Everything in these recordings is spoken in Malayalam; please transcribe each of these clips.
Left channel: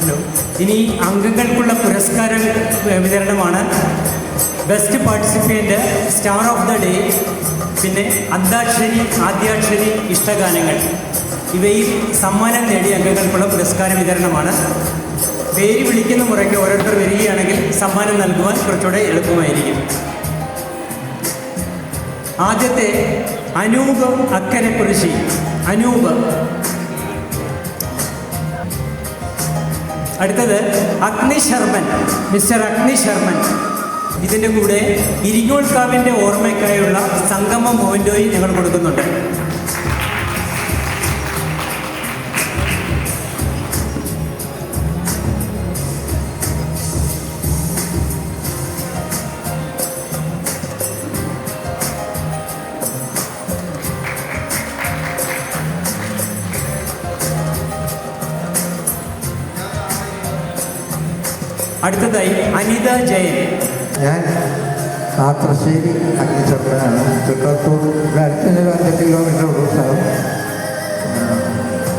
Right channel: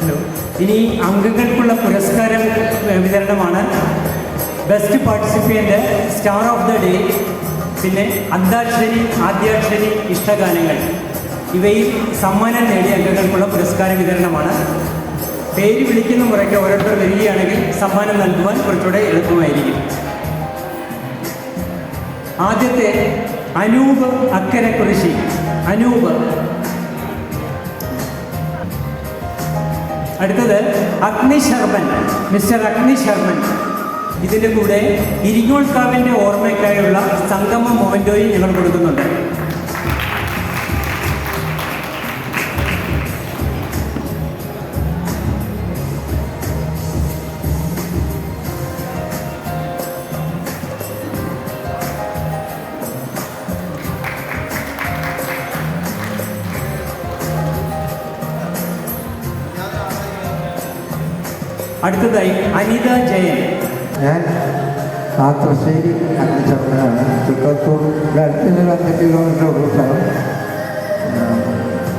ഹലോ. ഇനി അംഗങ്ങൾക്കുള്ള പുരസ്കാര വിതരണമാണ്. Best participant, star of the day, പിന്നെ അന്താക്ഷരി, ആദ്യാക്ഷരി, ഇഷ്ടഗാനങ്ങൾ ഇവയിൽ സമ്മാനം നേടിയ അംഗങ്ങൾക്കുള്ള പുരസ്കാര വിതരണമാണ്. പേര് വിളിക്കുന്ന മുറയ്ക്ക് ഓരോരുത്തർ വരികയാണെങ്കിൽ സമ്മാനം നൽകുവാൻ കുറച്ചുകൂടെ എളുപ്പമായിരിക്കും. ആദ്യത്തെ അനൂപ് അക്കരക്കുറിശി. അനൂപ്. അടുത്തത് അഗ്നി ശർമ്മൻ, മിസ്റ്റർ അഗ്നി ശർമ്മൻ. ഇതിൻ്റെ കൂടെ ഇരിങ്ങോൾക്കാവിൻ്റെ ഓർമ്മയ്ക്കായുള്ള സംഗമ മൊമെൻ്റോയും ഞങ്ങൾ കൊടുക്കുന്നുണ്ട്. അടുത്തതായി അനിത ജയൻ. ഞാൻ കാക്കശ്ശേരി അഗ്നിശർമ്മനാണ്. ചിക്കൽപ്പൂർ അടുത്തുനിന്ന് 2 കിലോമീറ്റർ സ്ഥലം.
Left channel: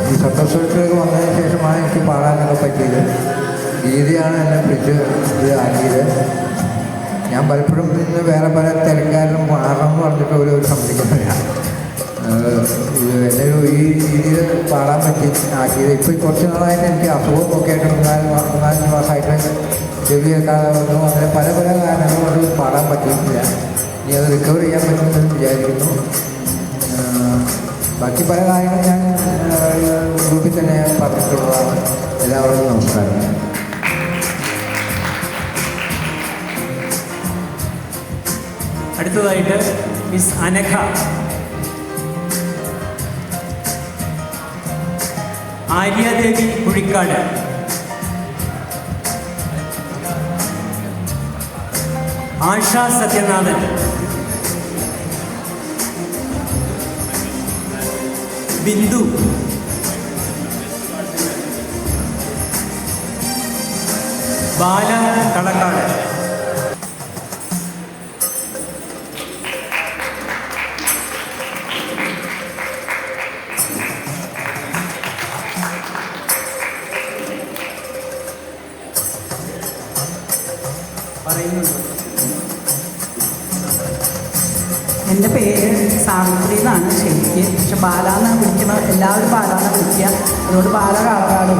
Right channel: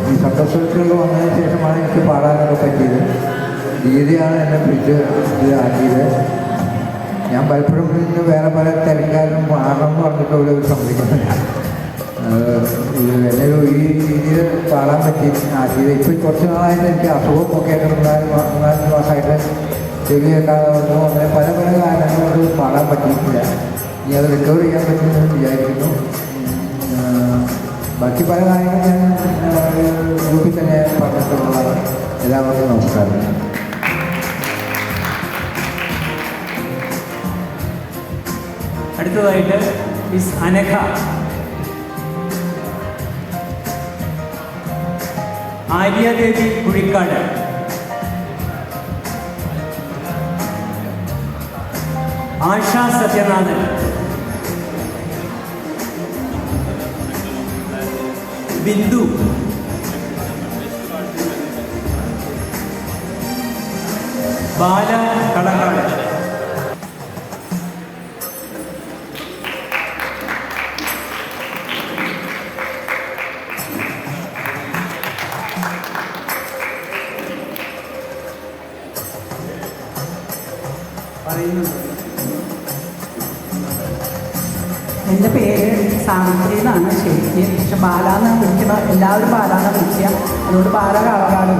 ഈ ചക്കശ്ശേരി വന്നതിന് ശേഷമാണ് എനിക്ക് പാടാനൊക്കെ പറ്റിയത്. ഗീതയാണ് എന്നെ പിടിച്ച് ഇതാക്കിയത്. ഞാൻ പലപ്പോഴും ഇന്ന് വേറെ പല തിരക്കാരും പാടണം എന്ന് പറഞ്ഞിട്ട് ഒരു സമ്മതിക്കുന്നില്ല. എന്നെ ഈ രീതിയിൽ പാടാൻ പറ്റി ആക്കിയത്. ഇപ്പോൾ കുറച്ച് നാളായിട്ട് എനിക്ക് അസുഖമൊക്കെ ആയിട്ട് 4 മാസമായിട്ട് ചെവിയൊക്കെ അങ്ങനെ പല പല കാരണങ്ങളും അത് പാടാൻ പറ്റിയിട്ടില്ല. ഇനി അത് റിക്കവർ ചെയ്യാൻ പറ്റുമെന്ന് വിചാരിക്കുന്നു. ബാക്കി പല കാര്യങ്ങളും ഞാൻ ഗ്രൂപ്പിൽ തന്നെ പറഞ്ഞിട്ടുള്ളതാണ്. എല്ലാവരും നമസ്കാരം. അടുത്തതായിട്ട് മിസ് അനഘ. ആര്യാദേവി കുഴിക്കാട്. ആശ സത്യനാഥൻ. ബിന്ദു. ബാല കളക്കാട്. എൻ്റെ പേര് സാവിത്രി എന്നാണ് ശരിക്ക്. പക്ഷെ ബാലാന്ന് വിളിക്കണം, എല്ലാവരും ബാലാന്ന് വിളിക്കുക. അതുകൊണ്ട് ബാല കാളകാടും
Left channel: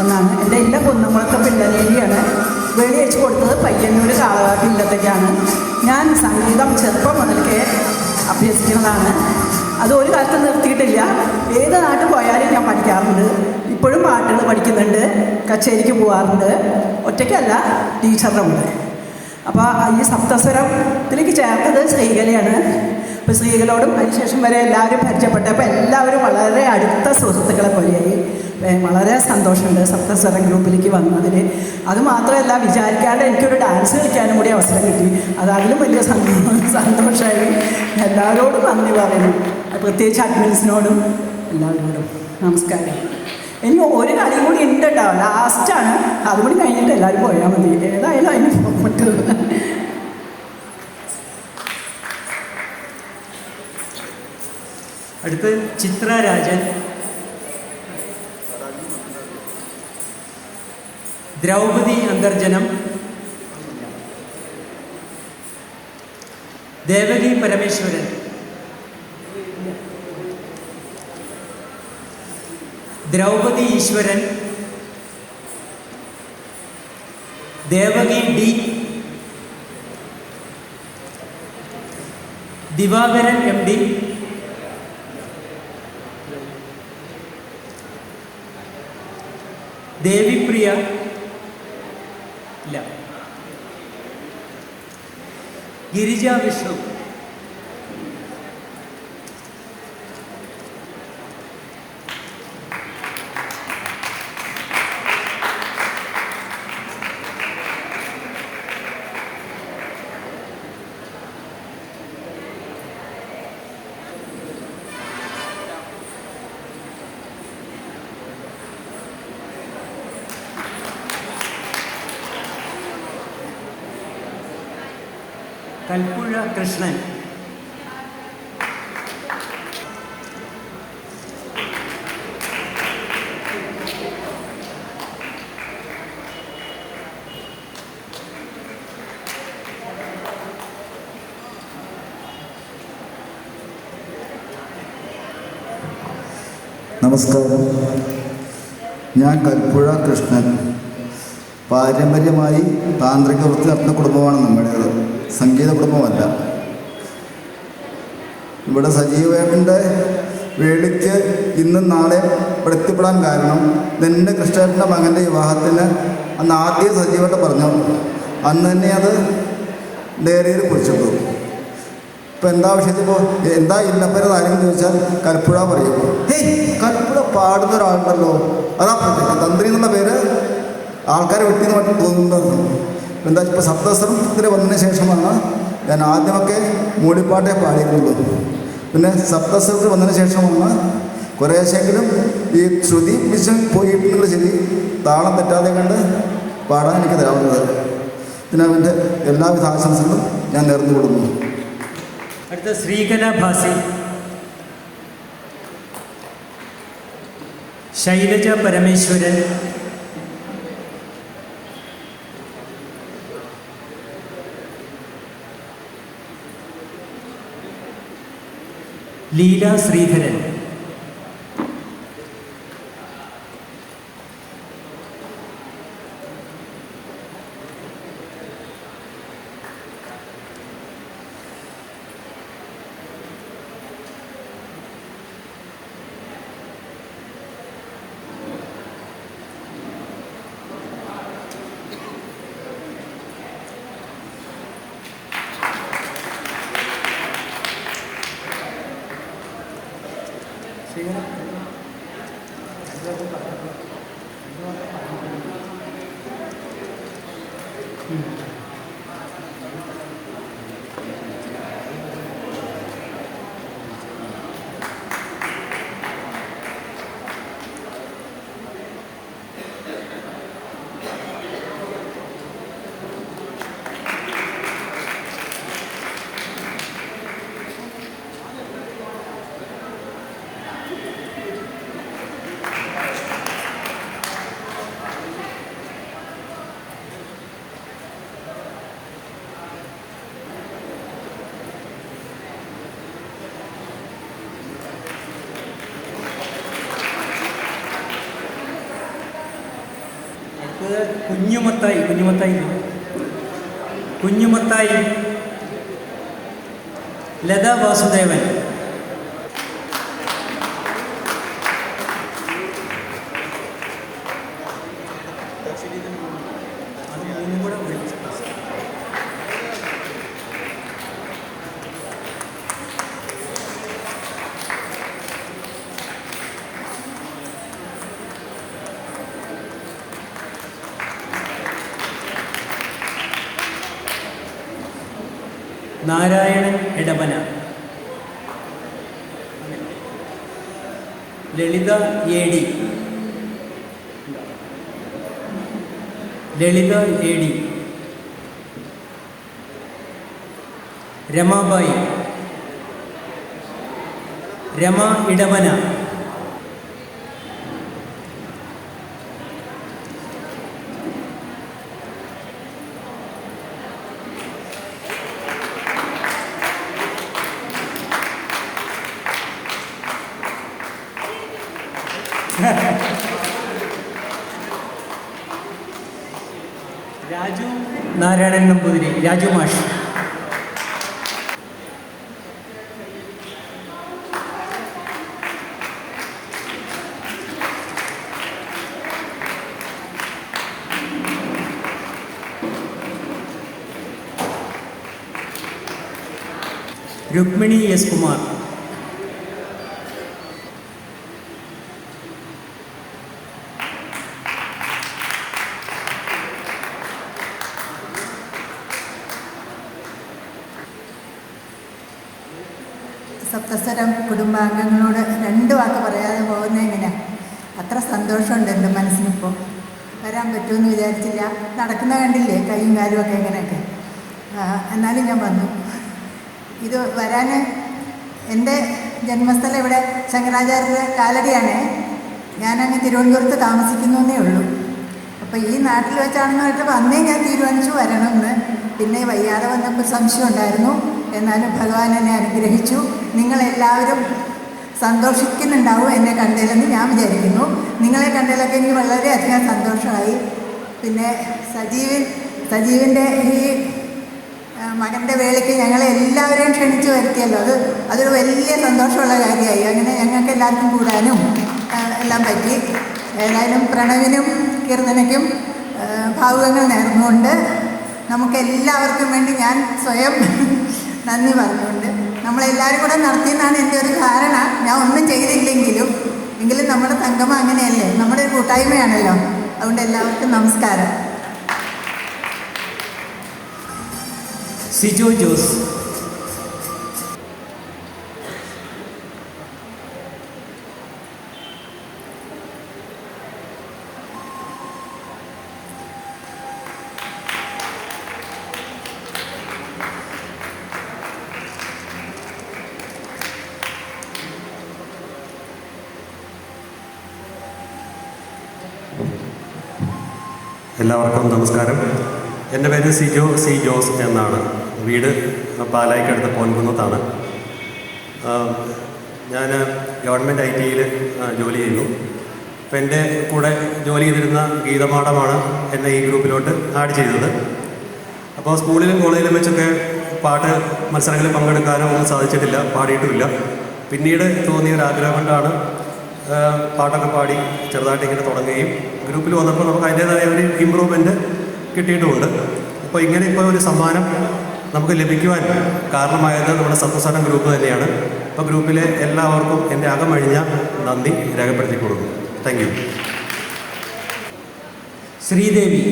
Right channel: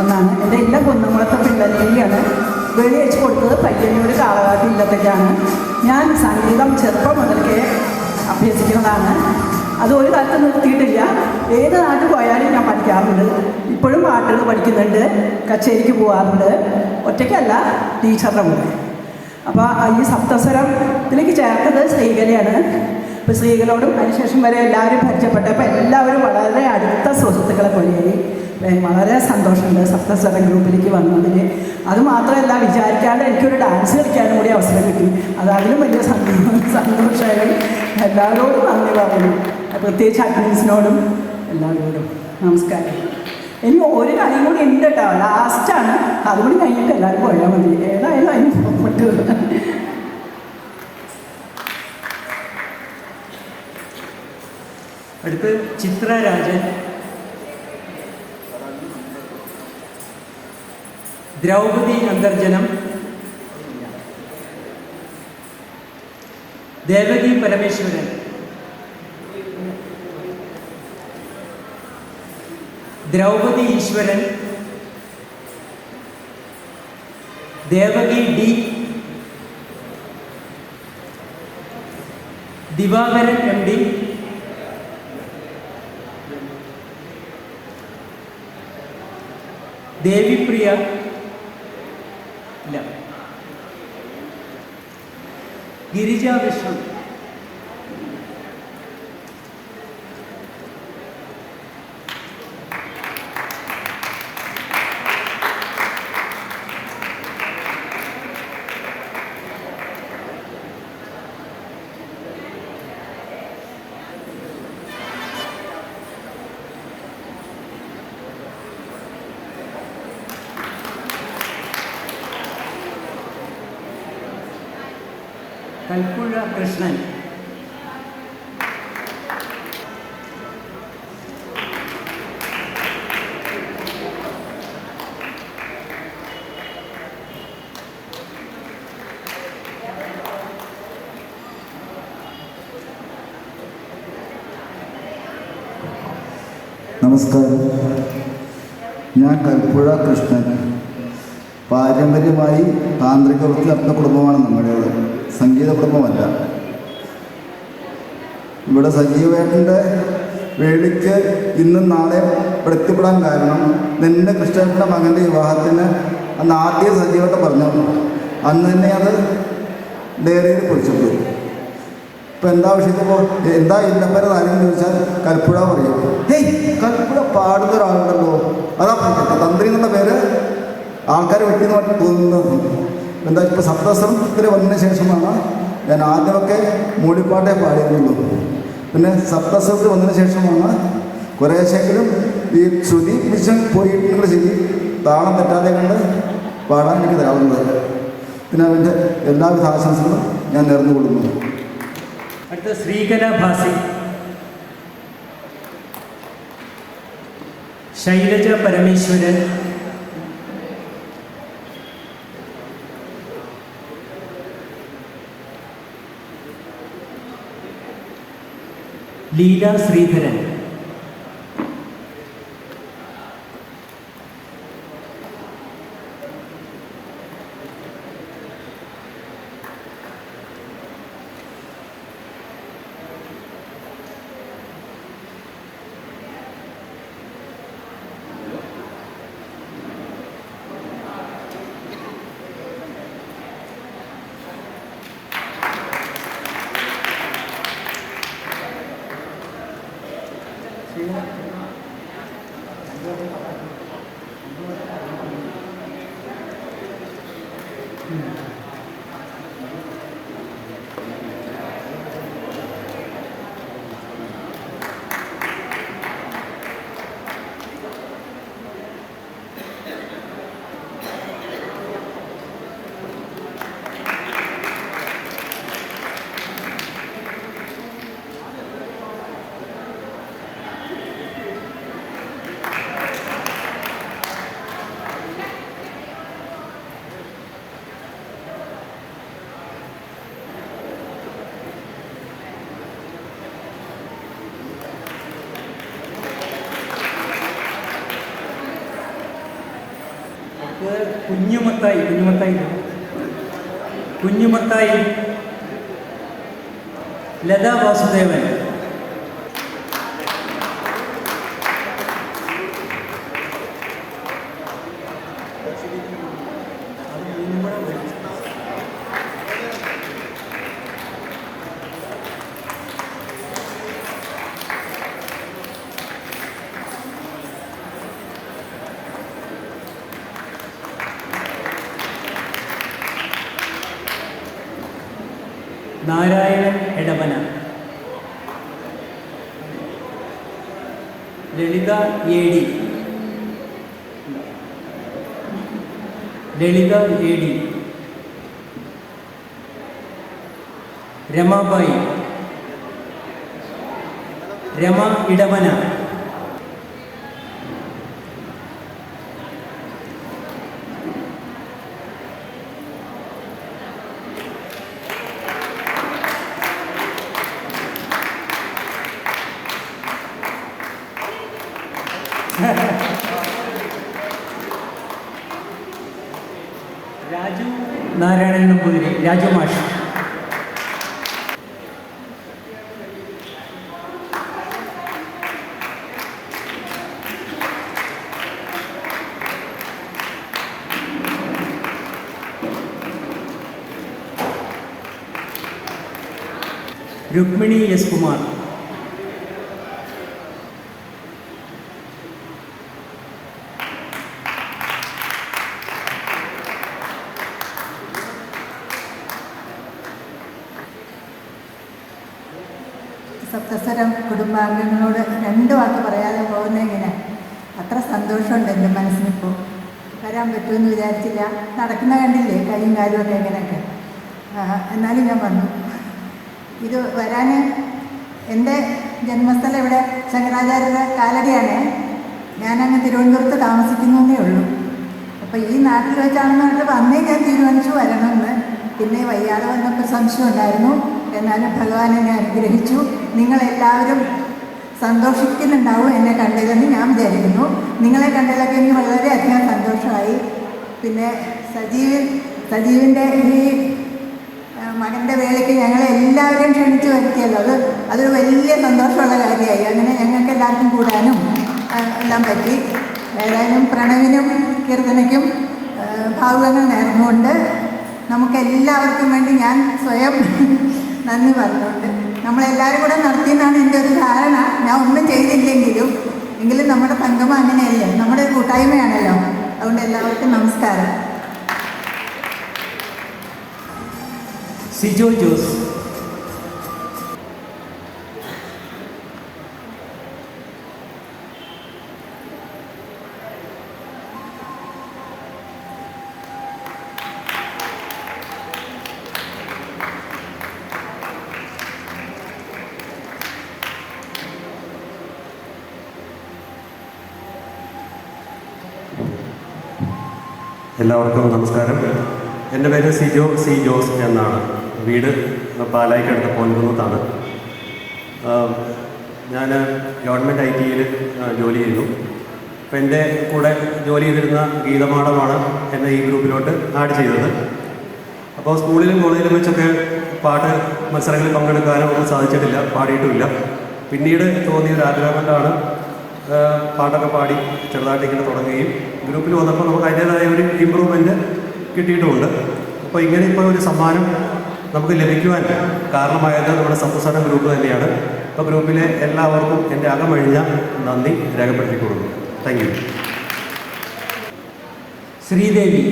എന്നാണ്. എൻ്റെ എല്ലാ കുന്നുങ്ങളത്തെ പിള്ളേരെയാണ് വെളിയച്ച് കൊടുത്തത്. പയ്യന്നൂർ കാളകാട്ട് ഇല്ലത്തേക്കാണ്. ഞാൻ സംഗീതം ചെറുപ്പം മുതൽക്കേ അഭ്യസിക്കുന്നതാണ്. അത് ഒരു കാലത്ത് നിർത്തിയിട്ടില്ല. ഏത് നാട്ടിൽ പോയാലും ഞാൻ പഠിക്കാറുണ്ട്. ഇപ്പോഴും പാട്ടുകൾ പഠിക്കുന്നുണ്ട്, കച്ചേരിക്ക് പോകാറുണ്ട്. ഒറ്റയ്ക്കല്ല, ടീച്ചറുടെ കൂടെ. അപ്പോൾ ഈ സപ്തസ്വരത്തിലേക്ക് ചേർത്തത് ശ്രീകലയാണ്. ഇപ്പോൾ ശ്രീകലോടും അതിനുശേഷം വരെ എല്ലാവരും പരിചയപ്പെട്ടപ്പോൾ എല്ലാവരും വളരെ അടുത്ത സുഹൃത്തുക്കളെ പോലെയായി. വളരെ സന്തോഷമുണ്ട് സപ്തസ്വരം ഗ്രൂപ്പിലേക്ക് വന്നതിന്. അതുമാത്രമല്ല, വിചാരിക്കാണ്ട് എനിക്കൊരു ഡാൻസ് കളിക്കാനും കൂടി അവസരം കിട്ടി. അതതിലും വലിയ സന്തോഷമായി. എല്ലാവരോടും നന്ദി പറയുന്നു, പ്രത്യേകിച്ച് അഡ്മിൻസിനോടും എല്ലാവരോടും നമസ്കാരം. ഇനി ഒരു കളിയും കൂടി ഉണ്ട് കേട്ടോ, ലാസ്റ്റാണ്. അതുകൂടി കഴിഞ്ഞിട്ട് എല്ലാവരും പോയാൽ മതി. ഏതായാലും അതിന് പോട്ട്. അടുത്ത് ചിത്രരാജൻ. ദ്രൗപദി അന്തർജനം. ദേവകി പരമേശ്വരൻ. ദ്രൗപദി ഈശ്വരൻ. Devaki D. Divakaran M D. Devipriya ഇല്ല. ഗിരിജ വിഷ്ണു. കൽപ്പുഴ കൃഷ്ണൻ. നമസ്കാരം. ഞാൻ കൽപ്പുഴ കൃഷ്ണൻ. പാരമ്പര്യമായി താന്ത്രിക വൃത്തി നടത്തുന്ന കുടുംബമാണ് നമ്മുടേത്, സംഗീത കുടുംബമല്ല. ഇവിടെ സജീവേട്ടൻ്റെ വേളിക്ക് ഇന്നും നാളെ എത്തിപ്പെടാൻ കാരണം നിൻ്റെ കൃഷ്ണേട്ടൻ്റെ മകൻ്റെ വിവാഹത്തിന് അന്ന് ആദ്യം സജീവേട്ടൻ പറഞ്ഞു. അന്ന് തന്നെ അത് ഡയറിയിൽ കുറിച്ചിട്ട് ഇപ്പം എന്താ വിഷയത്തിപ്പോൾ എന്താ ഇന്നപ്പേരെ താരം ചോദിച്ചാൽ കൽപ്പുഴ പറയും. ഹേയ് കൽപ്പുഴ പാടുന്ന ഒരാളുണ്ടല്ലോ, അതാ തന്ത്രി എന്നുള്ള പേര് ആൾക്കാരെ വെട്ടിന്ന് മറ്റും തോന്നുന്നത്. എന്താ ഇപ്പോൾ സപ്തസ്വരത്തിൽ വന്നതിന് ശേഷമാണ് ഞാൻ ആദ്യമൊക്കെ മൂളിപ്പാട്ടേ പാടിയിട്ടുള്ളൂ. പിന്നെ സപ്തസ്വരത്തിൽ വന്നതിന് ശേഷമാണ് കുറേശ്ശെങ്കിലും ഈ ശ്രുതി പിടിച്ച് പോയിട്ടുണ്ടെങ്കിൽ ശരി താളം പറ്റാതെ കണ്ട് പാടാൻ എനിക്ക് തരാവുന്നത്. പിന്നെ അതിൻ്റെ എല്ലാവിധ ആശംസകളും ഞാൻ നേർന്നു കൊടുക്കുന്നു. അടുത്ത ശ്രീകല ഭാസി, ശൈലജ പരമേശ്വരൻ, ലീല ശ്രീധരൻ, കുഞ്ഞുമത്തായി ലതാ വാസുദേവൻ, നാരായണൻ എടവന, ലളിത എ ഡി, രമാബായി, രമ ഇടവന, രാജു നാരായണൻ നമ്പൂതിരി, രാജു മാഷ്, രുക്മിണി എസ് കുമാർ, സപ്തസ്വരം കുടുംബാംഗങ്ങളോട് 2 വാക്ക് പറയാതെ പോകുന്നത് എങ്ങനെ? അത്ര സന്തോഷമുണ്ട് എൻ്റെ മനസ്സിനിപ്പോൾ. വരാൻ പറ്റുമെന്ന് വിചാരിച്ചില്ല. നടക്കുന്ന കണ്ടില്ലേ കൈയും കാലും ഒക്കെ എങ്ങനെയൊക്കെ. എന്നാലും ഞാൻ വന്നു. ഇത് വരാൻ എൻ്റെ ജന്മസ്ഥലം ഇവിടെ ശങ്കരാചാര്യരുടെ കാലടിയാണ്. ഞാനങ്ങ് തിരുവനന്തപുരത്ത് താമസിക്കുന്നേ ഉള്ളൂ. അപ്പോൾ ഈ നാട്ടിൽ വെച്ചാണെന്ന് കേട്ടപ്പോൾ അന്നേ ഞാൻ തീരുമാനിച്ചു വരണമെന്ന്. പിന്നെ വയ്യാതെ വന്നപ്പോൾ സംശയം ഉണ്ടായിരുന്നു. എന്നാലും ഭഗവാൻ എന്നെ അനുഗ്രഹിച്ചു. നിങ്ങളെല്ലാവരും സന്തോഷിക്കുന്നുണ്ടാവും എന്നെ കണ്ടതിലെന്ന് ഞാൻ വിചാരിക്കുന്നു. നിങ്ങളെ കണ്ടതിലൊക്കെ എനിക്ക് വളരെയധികം സന്തോഷമായി. പിന്നെ സജീവിൻ്റെ ഈ മകൻ്റെ വേളയ്ക്ക് ഞങ്ങളെ എല്ലാവരെയും ക്ഷണിച്ചു വരുത്തിയല്ലോ, അതൊരു വലിയ സന്തോഷമുള്ള കാര്യമായി. അങ്ങനെ ഞങ്ങൾക്ക് എല്ലാവർക്കും കൂടാനും എല്ലാം പറ്റി. ഏതായാലും പ്രണവിനും കീർത്തനയ്ക്കും ഭാവുകങ്ങൾ നേർന്നുകൊണ്ട് നമുക്കെല്ലാവർക്കും വേണ്ടി ഞാൻ സ്വയം നന്ദി പറഞ്ഞുകൊണ്ട് നമ്മളെല്ലാവരും കൂടെ നടത്തിയെന്നാണ് എൻ്റെ ഒരു ധാരണ. ഞാൻ ഒന്നും ചെയ്തില്ലെങ്കിലും നമ്മുടെ സംഗമം അങ്ങനെയല്ലേ, നമ്മുടെ ഒരു കൂട്ടായ്മയാണല്ലോ. അതുകൊണ്ട് എല്ലാവർക്കും നമസ്കാരം. സിജോ ജോസ്. എല്ലാവർക്കും നമസ്കാരം. എൻ്റെ പേര് സിജോ സി ജോസ് എന്നാണ്. വീട് പാലായ്ക്കടുത്ത് പൊൻകുന്നത്താണ്. ഞാൻ ഗവൺമെൻറ് IT-യിൽ ജോലി ചെയ്യുന്നു. അപ്പോൾ എൻ്റെ കൂടെ ജോലി ചെയ്തിരുന്ന ഗീതമാടമാണ് എന്നെ ഈ ഗ്രൂപ്പിലോട്ട് ആഡ് ചെയ്തത്. അപ്പോൾ സ്കൂളിലും കോളേജിലും വെച്ചൊക്കെ പാട്ട് മത്സരങ്ങളിൽ പങ്കെടുക്കാനോ ഒന്നും സാധിച്ചിട്ടില്ല, പാടിയിട്ടുമില്ല. പിന്നീട് തോന്നിയ ഒരു ആഗ്രഹം കൊണ്ടാണ് പാട്ടൊക്കെ പാടി ചെറുതായിട്ട് ഇങ്ങനെ തുടങ്ങുകയും ഗ്രൂപ്പിൽ വന്നപ്പോൾ നമുക്ക് അതിൻ്റേതായ ഒരു ഇമ്പ്രൂവ്മെൻറ്റ് കിട്ടിയിട്ടുമുണ്ട്. അപ്പോൾ ഇങ്ങനെ ഇപ്പോൾ ഒരു സമ്മാനം നമുക്ക് ലഭിക്കുവാൻ കാരണമായത് നമ്മുടെ സപ്തസ്വരം ഗ്രൂപ്പ് തന്നെയാണ്. അപ്പോൾ ഗ്രൂപ്പിലെ എല്ലാവർക്കും എൻ്റെ അകമഴിഞ്ഞ നന്ദി രേഖപ്പെടുത്തിക്കൊടുക്കുന്നു. Thank you. ശ്രീദേവി.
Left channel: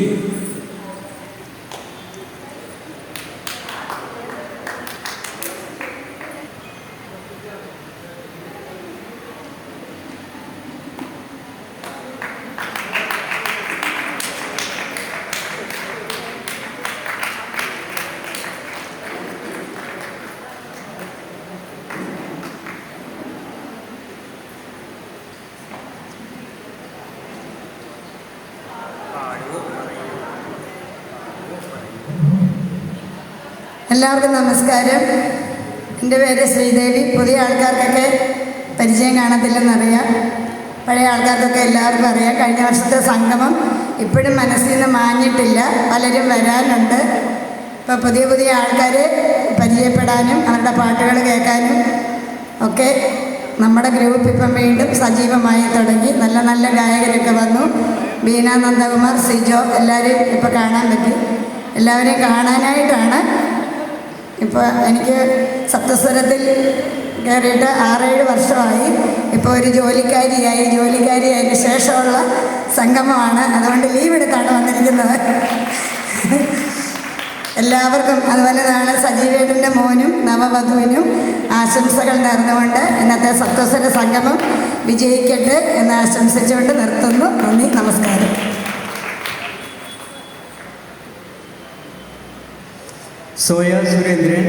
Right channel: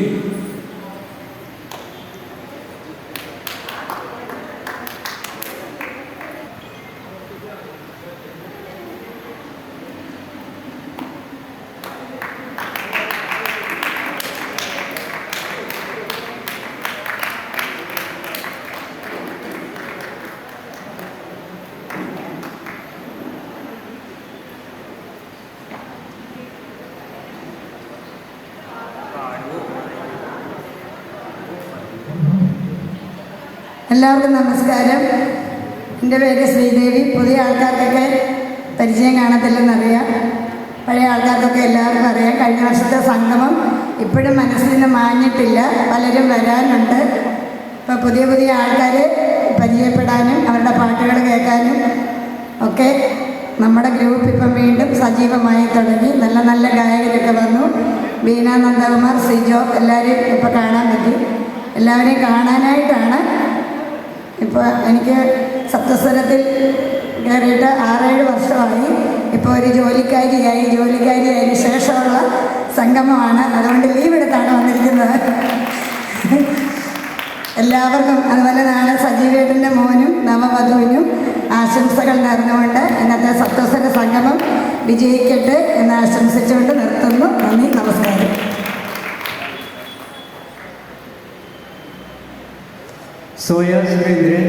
എല്ലാവർക്കും നമസ്കാരം. എൻ്റെ പേര് ശ്രീദേവി. പുതിയ ആൾക്കാർക്കൊക്കെ പരിചയം കാണത്തില്ലെന്നറിയാം, പഴയ ആൾക്കാർക്കൊക്കെ എല്ലാവർക്കും അറിയാം. കഴിഞ്ഞ വർഷത്തെ സംഗമം ഇപ്പോഴും മനസ്സിൽ നിന്ന് മാഞ്ഞിട്ടില്ല, പലരും വരാനുണ്ട്. ഇപ്പോൾ പുതിയ ആൾക്കാർ പരിചയപ്പെടാനും അവരുടെ പാട്ടുകൾ കേൾക്കാനും ഒക്കെ നമ്മുടെ ഗ്രൂപ്പ് ഇപ്പം വീണ്ടും സജീവമായി തുടങ്ങി. നല്ല നല്ല ഗായകരൊക്കെ വന്നു. ബീന നന്ദകുമാർ, സിജോ, എല്ലാവരെയും ഇപ്പോൾ കാണാൻ പറ്റി. എല്ലാവരെയും കാണാനായിട്ടാണ് ഇപ്പോൾ എനിക്ക് സപ്തസ്വരത്തിൽ കയറിയിട്ട് 6-7 വർഷമായി. ഇപ്പോൾ ഒരു ജോലിക്കാരിയായതിനു ശേഷമുള്ള സംഗമമാണ്. അതുകൊണ്ട് ലീവ് എടുത്താണ് വന്നിരിക്കുന്നത്. എല്ലാവർക്കും അതുപോലെ നാളെ സജീവേട്ടൻ്റെ മോനും നവവധുവിനും ആശംസകൾ നേർന്നുകൊണ്ട് ഇന്നത്തെ സപ്തസ്വര സംഗമം വിജയിക്കട്ടെ എന്ന് ആശംസിച്ചുകൊണ്ട് നിർത്തുന്നു. നന്ദി, നമസ്കാരം. സോയ സുരേന്ദ്രൻ.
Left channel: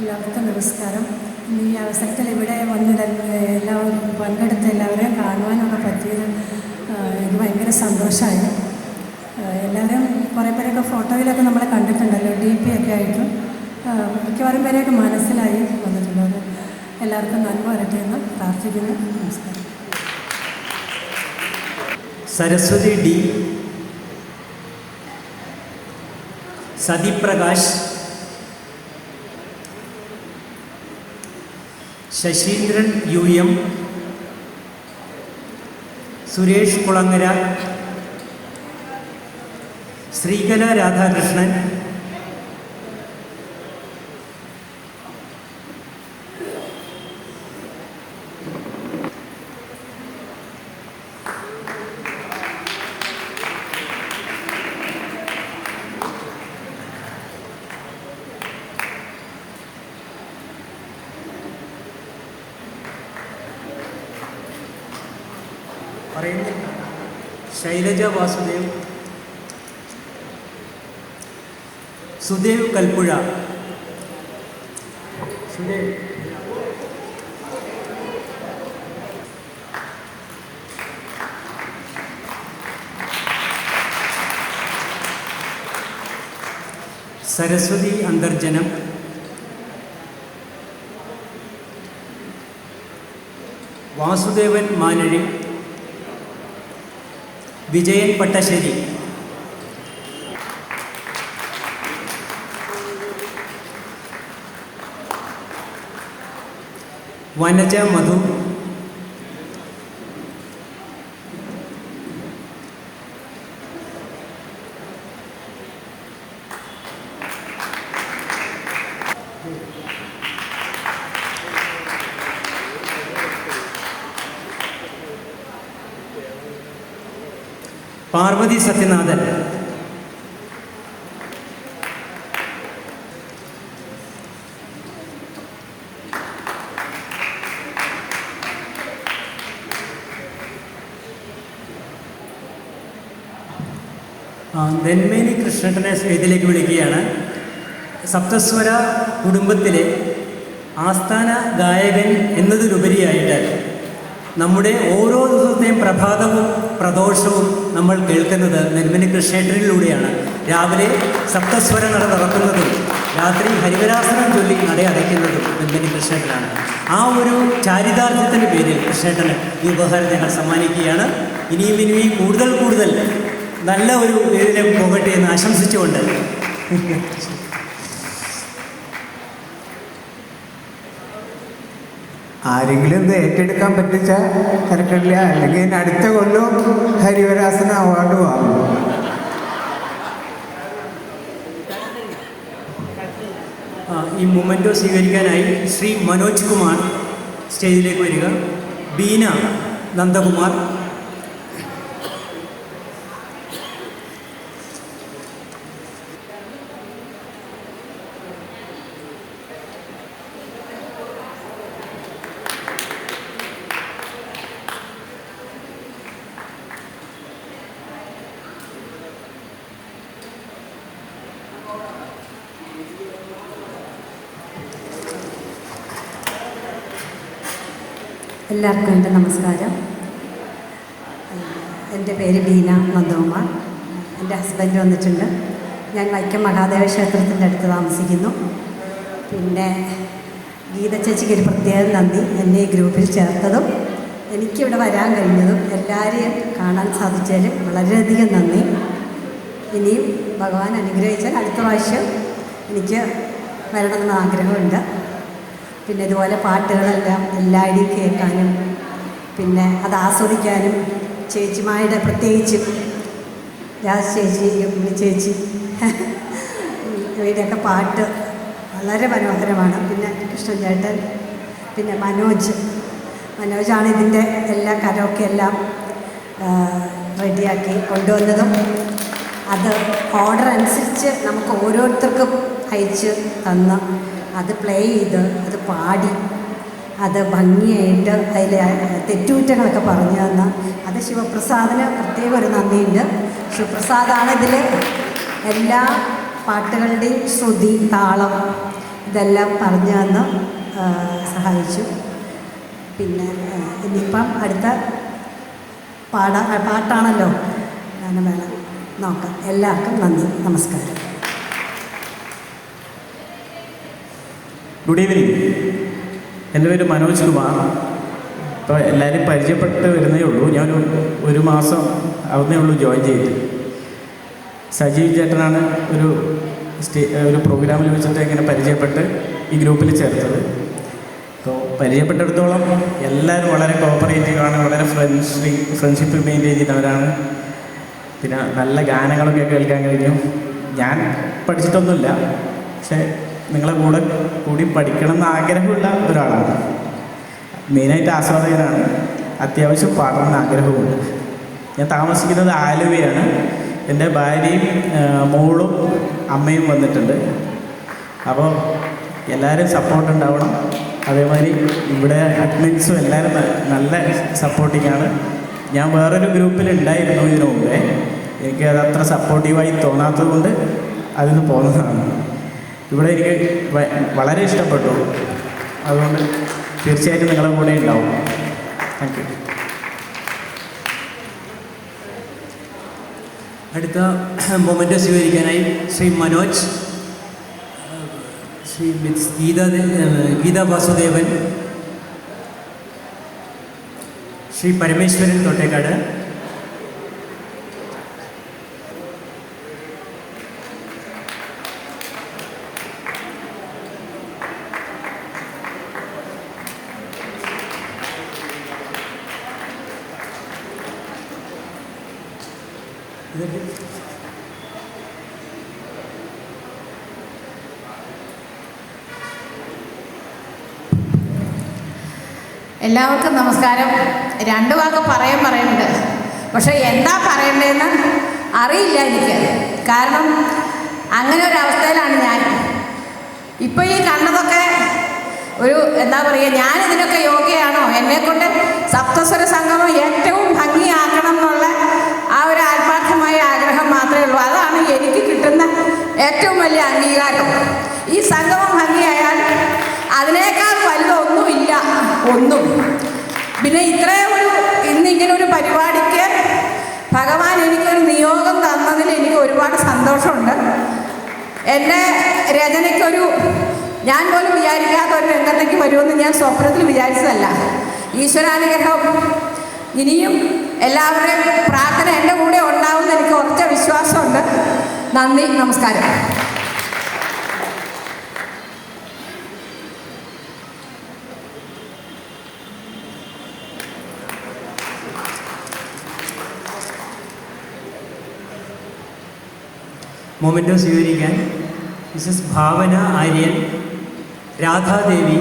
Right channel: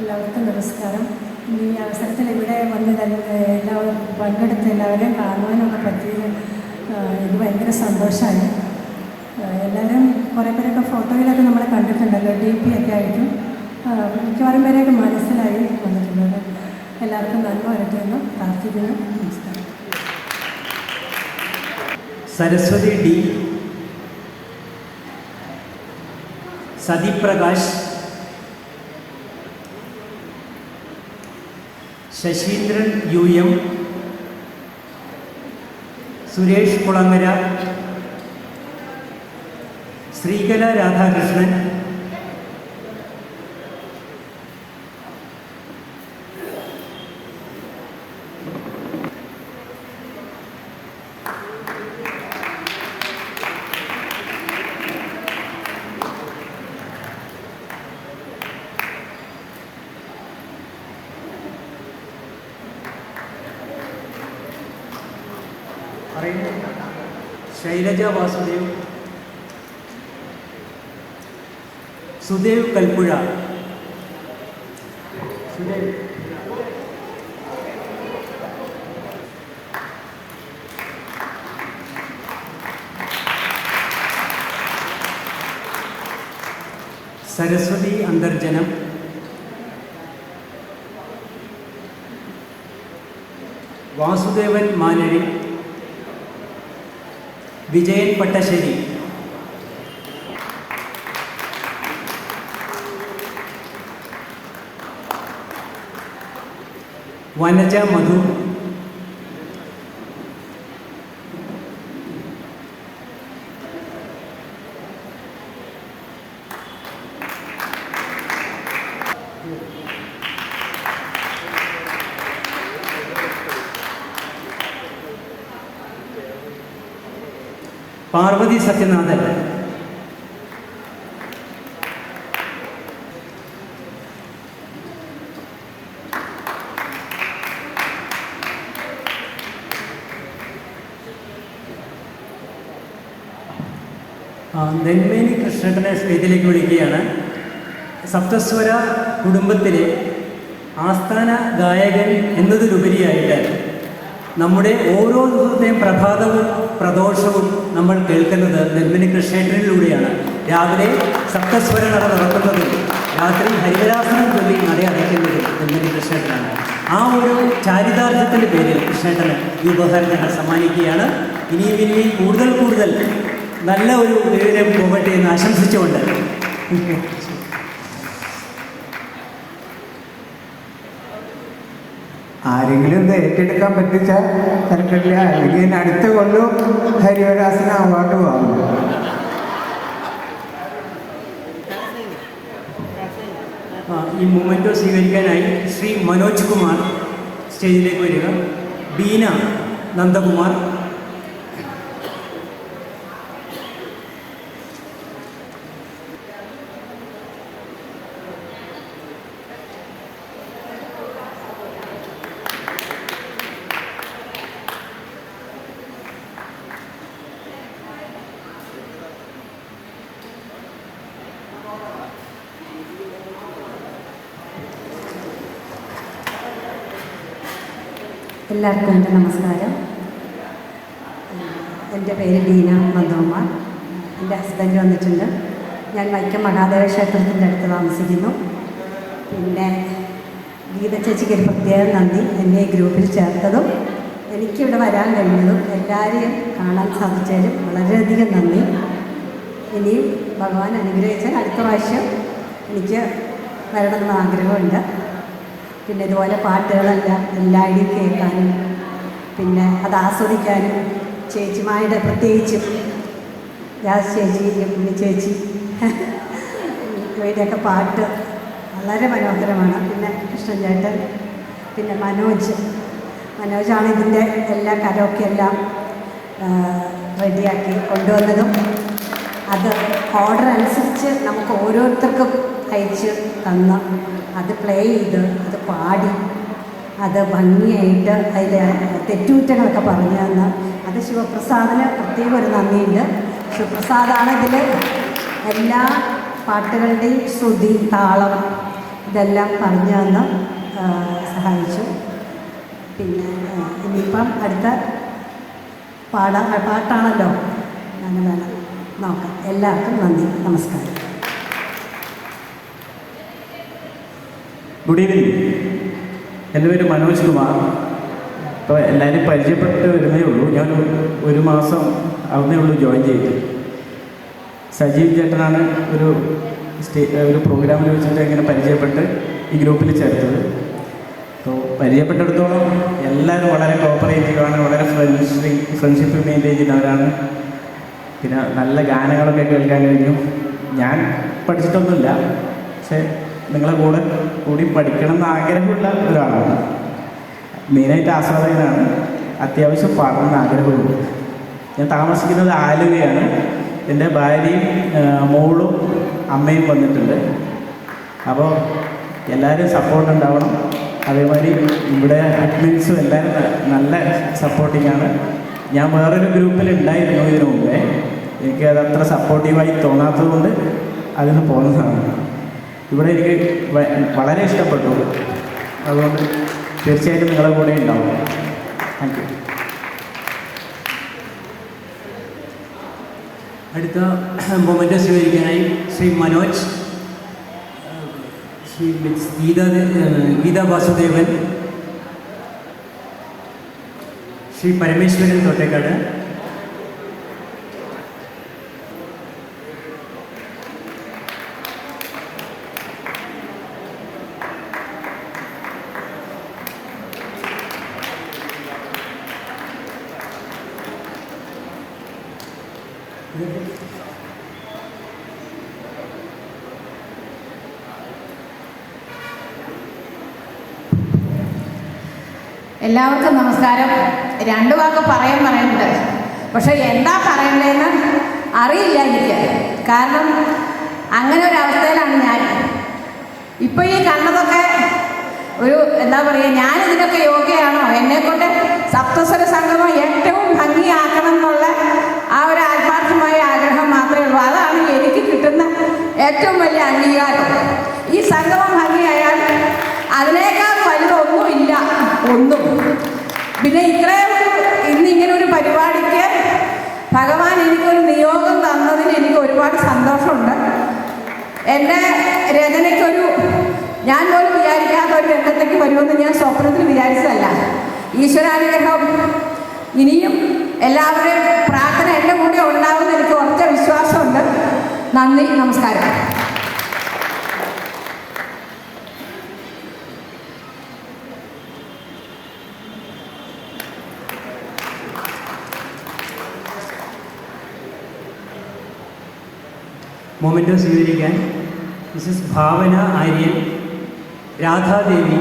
എല്ലാവർക്കും നമസ്കാരം. ഈ അവസരത്തിൽ ഇവിടെ വന്ന് എല്ലാവരും പങ്കെടുത്ത് എല്ലാവരെയും കാണുവാനൊക്കെ പറ്റിയത് എനിക്ക് ഭയങ്കര സന്തോഷമായി. എല്ലാവരും കുറേ പേരൊക്കെ ഫോട്ടോയിലൊക്കെ നമ്മളെ കണ്ടിട്ടുണ്ടല്ലോ, DP ഒക്കെ ആയിട്ടും മിക്കവാറും പേരെയൊക്കെ മനസ്സിലായി വന്നിട്ടുള്ളത്. എല്ലാവർക്കും നന്മ വരട്ടെ എന്ന് പ്രാർത്ഥിക്കുന്നു. നമസ്കാരം. സരസ്വതി D. സതിപ്രകാശ്. ശശീന്ദ്രൻ UM. സുരേഷ് കുളങ്ങര. ശ്രീകല രാധാകൃഷ്ണൻ. ശൈലജ വാസുദേവ്. സുദേവ് കൽപ്പുഴ. സുദേവ് സരസ്വതി അന്തർജനം, വാസുദേവൻ മാനഴി, വിജയൻ പട്ടശ്ശേരി, വനജ മധു, പാർവതി സത്യനാഥൻ, നെന്മേനി കൃഷ്ണനെ വേദിയിലേക്ക് വിളിക്കുകയാണ്. സപ്തസ്വര കുടുംബത്തിലെ ആസ്ഥാന ഗായകൻ എന്നതിലുപരിയായിട്ട് നമ്മുടെ ഓരോ ദിവസത്തെയും പ്രഭാതവും പ്രദോഷവും നമ്മൾ കേൾക്കുന്നത് നെന്മേനി കൃഷ്ണേട്ടനിലൂടെയാണ്. രാവിലെ സപ്തസ്വരങ്ങൾ നടക്കുന്നതും രാത്രി ഹരിവരാസനം ചൊല്ലി നട അടയ്ക്കുന്നതും നെന്മേനി കൃഷ്ണേട്ടനാണ്. ആ ഒരു ചാരിതാർത്ഥ്യത്തിൻ്റെ പേരിൽ കൃഷ്ണേട്ടന് ഈ ഉപഹാരം ഞങ്ങൾ സമ്മാനിക്കുകയാണ്. ഇനിയും കൂടുതൽ നല്ല ഒരു വേദിയിലേക്ക് പോകട്ടെ എന്ന് ആശംസിച്ചുകൊണ്ട് ആരെങ്കിലും ഇത് ഏറ്റെടുക്കാൻ പറ്റിച്ചാൽ തിരക്കില്ല, അല്ലെങ്കിൽ അടുത്ത കൊല്ലം ഹരിവരാസന അവാർഡ് വാങ്ങും. ഈ മൊമെൻറ്റോ സ്വീകരിക്കാനായി ശ്രീ മനോജ് കുമാർ സ്റ്റേജിലേക്ക് വരിക. ബീന നന്ദകുമാർ, എല്ലാവർക്കും എൻ്റെ നമസ്കാരം. എൻ്റെ പേര് ബീന നന്ദകുമ്മ. എൻ്റെ ഹസ്ബൻഡ് വന്നിട്ടുണ്ട്. ഞാൻ വൈക്കം മഹാദേവ ക്ഷേത്രത്തിൻ്റെ അടുത്ത് താമസിക്കുന്നു. പിന്നെ ഗീത ചേച്ചിക്ക് ഒരു പ്രത്യേക നന്ദി, എന്നെ ഈ ഗ്രൂപ്പിൽ ചേർത്തതും എനിക്കിവിടെ വരാൻ കഴിഞ്ഞതും എല്ലാവരെയും കാണാൻ സാധിച്ചാലും വളരെയധികം നന്ദി. ഇനിയും ഭഗവാൻ അനുഗ്രഹിച്ചാൽ അടുത്ത പ്രാവശ്യം എനിക്ക് വരണമെന്ന് ആഗ്രഹമുണ്ട്. പിന്നെ ഇതുപോലെ പാട്ടുകളെല്ലാം എല്ലാവരുടെയും കേൾക്കാനും പിന്നെ അത് ആസ്വദിക്കാനും ചേച്ചിമാരുടെ പ്രത്യേകിച്ചും രാജ് ചേച്ചി, ഉണ്ണി ചേച്ചി ഇവരുടെയൊക്കെ പാട്ട് വളരെ മനോഹരമാണ്. പിന്നെ കൃഷ്ണൻ ചേട്ടൻ, പിന്നെ മനോജാണ് ഇതിൻ്റെ എല്ലാ കരോക്കെ എല്ലാം റെഡിയാക്കി കൊണ്ടുവന്നതും അത് ഓർഡർ അനുസരിച്ച് നമുക്ക് ഓരോരുത്തർക്കും അയച്ച് തന്ന് അത് പ്ലേ ചെയ്ത് അത് പാടി അത് ഭംഗിയായിട്ട് അതിൽ തെറ്റുകുറ്റങ്ങളൊക്കെ പറഞ്ഞു തന്നു. അത് ശിവപ്രസാദിന് പ്രത്യേക ഒരു നന്ദിയുണ്ട്. ശിവപ്രസാദാണ് ഇതിൽ എല്ലാ പാട്ടുകളുടെയും ശ്രുതി, താളം ഇതെല്ലാം പറഞ്ഞു തന്ന് സഹായിച്ചു. പിന്നെ ഇനിയിപ്പം അടുത്ത പാട്ടാണല്ലോ, അങ്ങനെ വേണം നോക്കാം. എല്ലാവർക്കും നന്ദി, നമസ്കാരം. Good evening. എൻ്റെ പേര് മനോജ് കുമാർ. ഇപ്പോൾ എല്ലാവരും പരിചയപ്പെട്ട് വരുന്നേ ഉള്ളൂ. ഞാൻ ഒരു മാസം ആവുന്നേ ഉള്ളൂ ജോയിൻ ചെയ്തു. സജീവ് ചേട്ടനാണ് ഒരു പ്രോഗ്രാമിൽ വെച്ചിട്ട് ഇങ്ങനെ പരിചയപ്പെട്ട് ഈ ഗ്രൂപ്പിൽ ചേർത്തത്. അപ്പോൾ പരിചയപ്പെട്ടിടത്തോളം എല്ലാവരും വളരെ കോപ്പറേറ്റീവാണ്, വളരെ ഫ്രണ്ട്ഷിപ്പ് മെയിൻറ്റെയിൻ ചെയ്യുന്നവരാണ്. പിന്നെ നല്ല ഗാനങ്ങളൊക്കെ കേൾക്കാൻ കഴിഞ്ഞു. ഞാൻ പഠിച്ചിട്ടൊന്നുമില്ല, പക്ഷേ നിങ്ങളെ കൂടി പഠിക്കണം എന്ന് ആഗ്രഹമുള്ള ഒരാളാണ്. മെയിനായിട്ട് ആസ്വാദകനാണ്. അത്യാവശ്യം പാടണമെന്ന് ആഗ്രഹമുണ്ട്. ഞാൻ താമസിക്കുന്നത് ആലുവയാണ്. എൻ്റെ ഭാര്യയും മോളും അമ്മയും വന്നിട്ടുണ്ട്. അപ്പോൾ എല്ലാവരും സപ്പോർട്ട് ഉണ്ടാവണം. അതേമാതിരി ഇവിടെ അഡ്മിൻസും എല്ലാവരും നല്ല സപ്പോർട്ടിങ്ങാണ്. ഞാൻ വേറൊരു ഗ്രൂപ്പിൽ ഉണ്ടായിരുന്നു ഇതിനു മുമ്പേ. എനിക്ക് അതത്ര സപ്പോർട്ടീവായി തോന്നാത്തത് കൊണ്ട് അതിൽ നിന്ന് പോകുന്നതാണ്. ഇവിടെ എനിക്ക് വളരെ ഇഷ്ടപ്പെട്ടു. അതുകൊണ്ട് തീർച്ചയായിട്ടും നിങ്ങളുടെ കൂടെ ഉണ്ടാവും. Thank you. അടുത്ത മൊമെൻ്റ് സ്വീകരിക്കാനായി ശ്രീ മനോജ് ശ്രീ ഗീത വാസുദേവൻ, ശ്രീ പരമേശ്വരൻ തോട്ടേക്കാട്, എല്ലാവർക്കും നമസ്കാരം. രണ്ടു വാക്ക് പറയുന്നുണ്ട്, പക്ഷെ എന്താ പറയണ്ടതെന്ന് അറിയില്ല എനിക്ക്. കാരണം അങ്ങനെ ഒരു അവസ്ഥയിലാണ് ഞാൻ. ഇപ്പോൾ ഈ കണ്ടതൊക്കെ ഒരു എന്താ പറയുക, ഞാനിതിനൊക്കെ യോഗ്യയാണോ? എന്നെക്കൊണ്ട് സപ്തസ്വര സംഗമം ഏറ്റവും ഭംഗിയാക്കണം എന്നുള്ള ആ ഒരു ആത്മാർത്ഥമായ ആഗ്രഹം മാത്രമേ ഉള്ളൂ. അതാണ് എനിക്ക് കിട്ടുന്ന ഏറ്റവും വലിയ അംഗീകാരം. ഈ സംഗമം ഭംഗിയായാൽ അതിനേക്കാൾ വലുതൊന്നുമില്ല, ഒന്നും. പിന്നെ ഇത്രയും ഇന്നിങ്ങനെ ഒരു പരിപാടിക്ക് ഭഗവാൻ എനിക്കൊരു നിയോഗം തന്നതിൽ എനിക്ക് ഒരുപാട് സന്തോഷമുണ്ട്. എൻ്റെ രചനയ്ക്കൊരു ഞാൻ പോലും വിചാരിക്കാത്ത ഒരു രംഗത്തേക്ക് വരുമെന്ന് ഞാൻ സ്വപ്നത്തിൽ വിചാരിച്ചതല്ല. ഈശ്വരാനുഗ്രഹം ഇനിയും എല്ലാവരുടെയും പ്രാർത്ഥന എൻ്റെ കൂടെ ഉണ്ടാകുമെന്ന് എനിക്ക് ഉറച്ച വിശ്വാസമുണ്ട്. നന്ദി, നമസ്കാരം. മൊമെൻ്റോ സ്വീകരിക്കാൻ മിസസ് ഭാവന ആര്യൻ, രാധാദേവി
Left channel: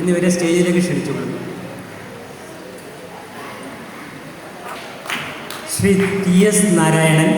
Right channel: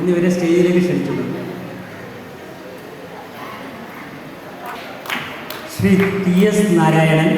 എന്നിവരെ സ്റ്റേജിലേക്ക് ക്ഷണിച്ചു. Shri TS Narayanan,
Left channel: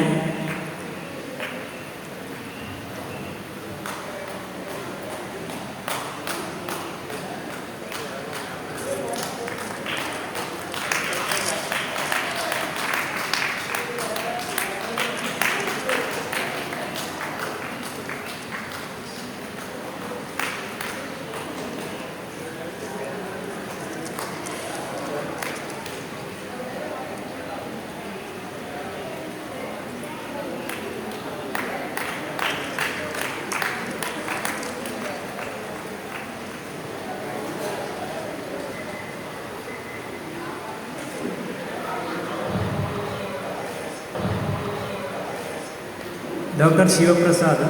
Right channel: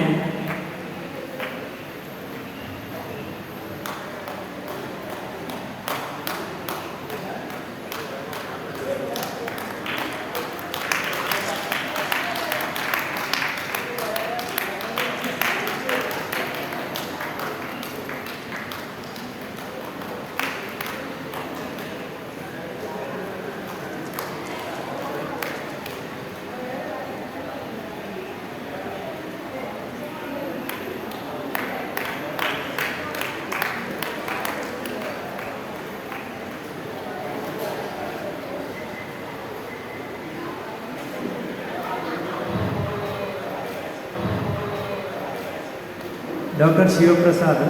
doctor Sivaprasad,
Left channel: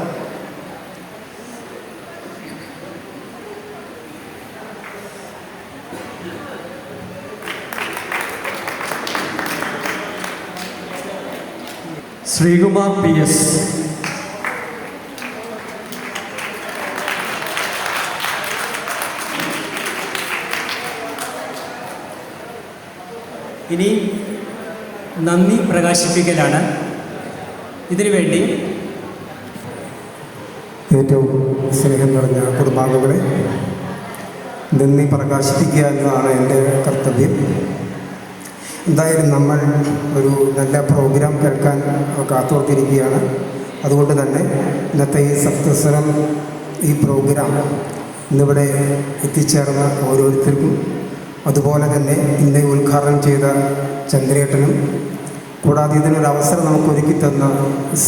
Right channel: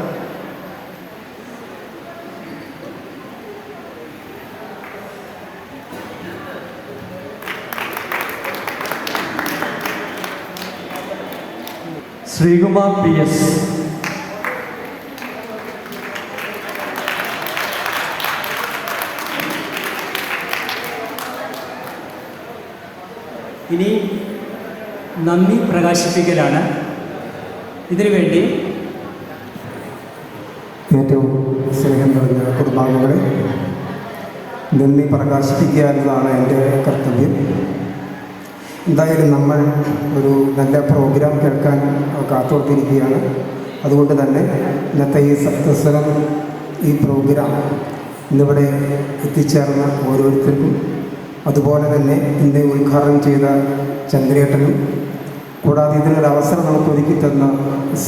Sreekumar PS, ഇനി നന്ദി പ്രകാശിപ്പിക്കലാണ്. ഇതിനുവേണ്ടി ഏറ്റവും സ്നേഹം നിറഞ്ഞ കുടുംബാംഗങ്ങളെ നന്ദി പ്രകാശിപ്പിക്കുക എന്നതാണ് എൻ്റെ കർത്തവ്യം. എന്തായാലും നമ്മൾ ഒരു നല്ല പ്രോഗ്രാം കേൾക്കാൻ കാത്തോർത്തിരിക്കുകയാണ്. അതുകൊണ്ട് തന്നെ ഇന്നത്തെ ഈ സപ്തസ്വരം ഈ പ്രോഗ്രാം ഇന്നിവിടെ എത്തിച്ചേർന്ന ഓരോരുത്തർക്കും, അതുപോലെ തന്നെ ഇന്ന് ഉദ്ഘാടനം ചെയ്ത ചന്ദ്രേട്ടനും, കൂടാതെ ഇതിനൊരവസരം നമുക്ക് ഒരുക്കി തന്ന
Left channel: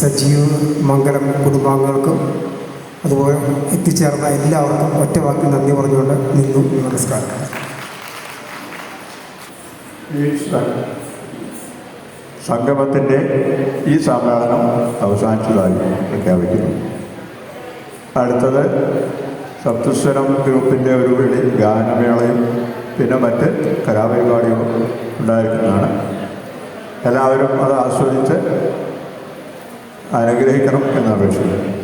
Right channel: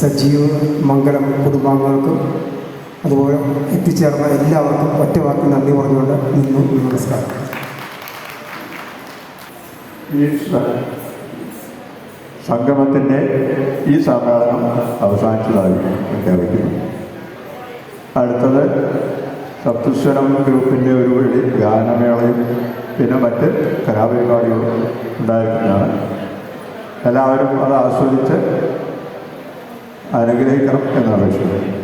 സജീവ് മംഗലം കുടുംബാംഗങ്ങൾക്കും, അതുപോലെ എത്തിച്ചേർന്ന എല്ലാവർക്കും ഒറ്റവാക്കി നന്ദി പറഞ്ഞുകൊണ്ട് നിന്നും നമസ്കാരം. ഈ സംഗമത്തിൻ്റെ ഈ സമ്മേളനം അവസാനിച്ചതായി പ്രഖ്യാപിക്കുന്നു. അടുത്തത് സപ്തസ്വരം ഗ്രൂപ്പിൻ്റെ ഒരു ഗാനമേളയും പിന്നെ മറ്റ് കലാപരിപാടികളും ഉണ്ടായിരിക്കുന്നതാണ്. എല്ലാവരും അത് ആസ്വദിച്ച് അനുഗ്രഹിക്കണം എന്നപേക്ഷിക്കുന്നു.